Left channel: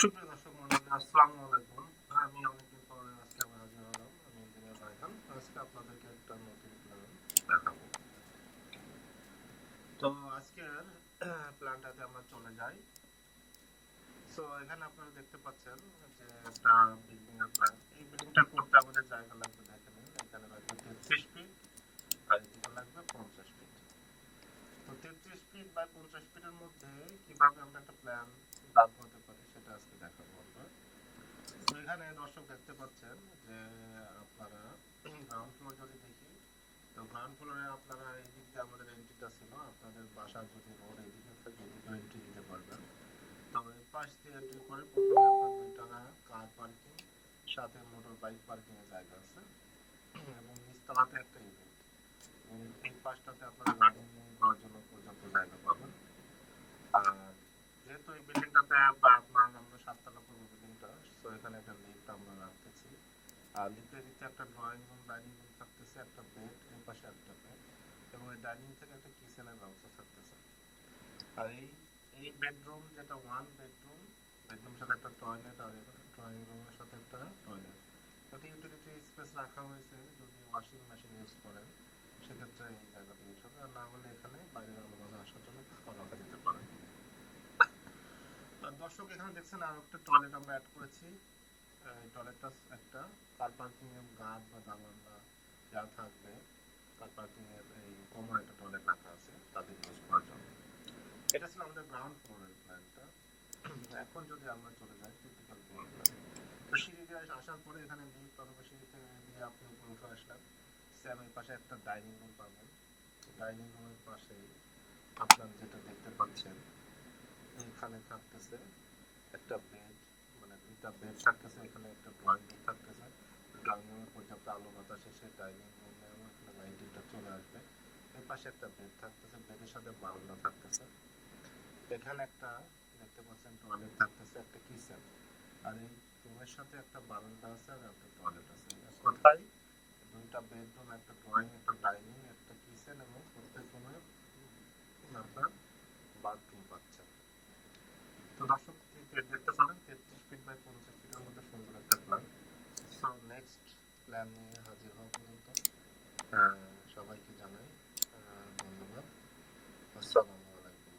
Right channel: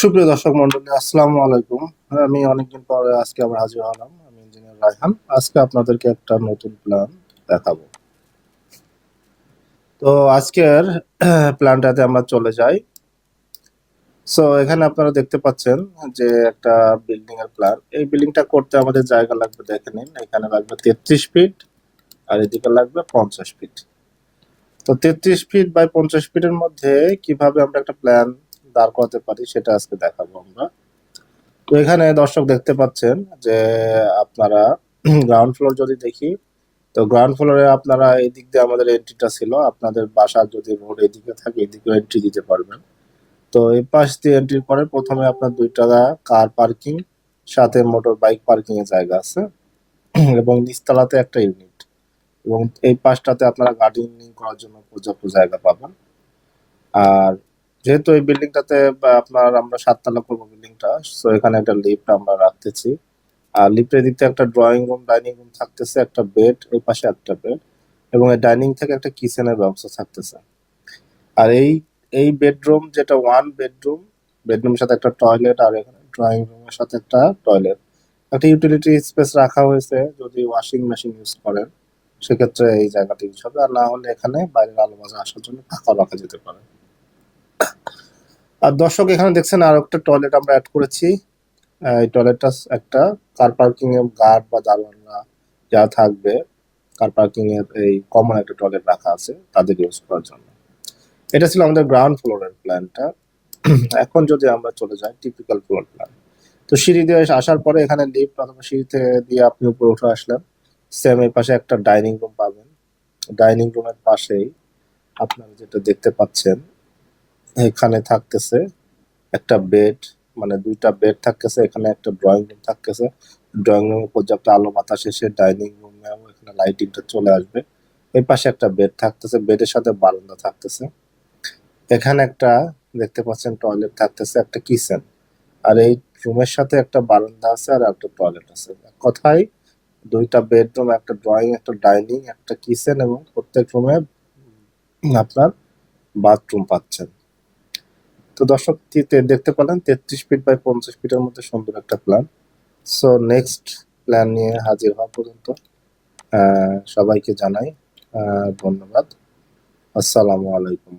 সুপ্রিয় দর্শক মন্ডলী, আসসালামু আলাইকুম। আমি অনেকদিন পরে আজকে আবার হাজির হলাম। আমি ইঞ্জিনিয়ার রায়হান। আজকে আপনাদেরকে একটা নতুন প্ল্যান দেখাবো। তো আজকের প্ল্যানটাতে আমরা চলে যাই। সো এখানে আপনারা দেখতে পাচ্ছেন যে একটা বিল্ডিং এর প্ল্যান। এই বিল্ডিংটা করতে আমাদের জায়গা লাগবে, দেখে নিন। এখানে লাগবে 33 ফিট, আর এদিকে লাগবে 50 ফিট। তো 33 ফিট বাই 50 ফিটের মধ্যে কিভাবে আমরা একটা প্ল্যান দাঁড় করাতে পারি সেটা আজকে দেখাবো আমরা। তো এখানে দর্শক দেখতে পাচ্ছেন যে আপনারা গ্রাউন্ড ফ্লোর যদি দেখি, তো গ্রাউন্ড ফ্লোরে আপনারা এই দিক দিয়ে আমাদের এন্ট্রিটা ছিল। আপনাদের বাসার যদি রোড এদিকে থাকে, এদিকে এন্ট্রি দিতে পারবেন। তো এই পাশ দিয়ে এন্ট্রি করে প্রথমে আপনার দুইটা কার পার্কিং, সাথে মোটর বাইক পার্কিং এর জায়গা আছে এবং নিচতলাতে একটা ইউনিট, এবং এই পাশটাতে আপনারা গার্ডেনিং করার জন্য পর্যাপ্ত জায়গা পাবেন। আর যেহেতু এই বিল্ডিংটাতে আপনার আমরা 7 তলা করবো বিল্ডিংটা, তো এখানে একটা লিফট আমরা রাখতেছি। আর লিফটের দিক থেকে একটা ড্রয়িং রুম, ডাইনিং রুম থাকতেছে, একটা বেড, এই পাশে একটা বেড, এবং এই ডাইনিং থেকে একটা কিচেনের ব্যবস্থা থাকতেছে। আর এই এই বেডরুম যেটা ওয়ান বেডরুম, বেডরুমের সাথে একটা টয়লেট, আর এখানে ড্রয়িং রুমের সাথে একটা টয়লেট, একটা ইউটিলিটি স্পেস রাখা হয়েছে। যদি ওয়াশিং মেশিন ইউজ করেন সেক্ষেত্রে এই জায়গাটা ইউজ হবে, আর না হলে এখানে বাইরের আলো বাতাস আসার জন্য ফাঁকা রাখা যেতে পারে। আর দর্শক এখানে দেখছেন আর একটা টয়লেট আমরা অ্যাড করেছি। এই টয়লেটটা একটা কার পার্কিং এর গার্ড বা দারোয়ানরা যা থাকবে, কার পার্কিং এর এই কমন একটা টয়লেট রাখা আছে তাদের ইউজ করার জন্য। এটা ছিল আমাদের গ্রাউন্ড ফ্লোরের প্ল্যানটা। এখন যদি আমরা চলে যাই টিপিক্যাল ফ্লোর প্ল্যান, তো সিঁড়ি দিয়ে আসার পরে এখানে লিফট অথবা সিঁড়িতে দিয়ে আপনি উপরে উঠে আসলেন। সেম এই পাশে একটা ডাইনিং রুম পাবেন। ডাইনিং রুমের পাশেই আপনারা যেটা দেখতে পাচ্ছেন, এখানে থাকতেছে একটা বেড, মানে দুইটা বেড থাকতেছে। এখানে একটা ড্রয়িং রুম থাকতেছে। ড্রয়িং রুমে পর্যাপ্ত আলো বাতাস এসে ডাইনিং রুমে এখানে লাইটিংটা চলে আসবে। এই পাশে একটা বেড থাকতেছে, বেডের সাথে বারান্দা থাকতেছে। এখানে একটা দেখতে পাচ্ছেন টয়লেট থাকতেছে, একটা কিচেন। আর এই রুমের সাথে একটা বারান্দা আছে আর একটা টয়লেট আছে। কথাই দুইটা বেডরুম, একটা ড্রয়িং, একটা ডাইনিং, একটা কিচেন, এবং প্রত্যেক রুমে আপনার বাথরুম পাচ্ছেন। তো দর্শক দেখতে পেলেন 33 ফিট বাই 50 ফিটের মধ্যে সুন্দর একটা প্ল্যান। সো নেক্সট প্ল্যান নিয়ে হাজির হওয়া পর্যন্ত সবাইকে জানাই ধন্যবাদ। আসসালামু আলাইকুম।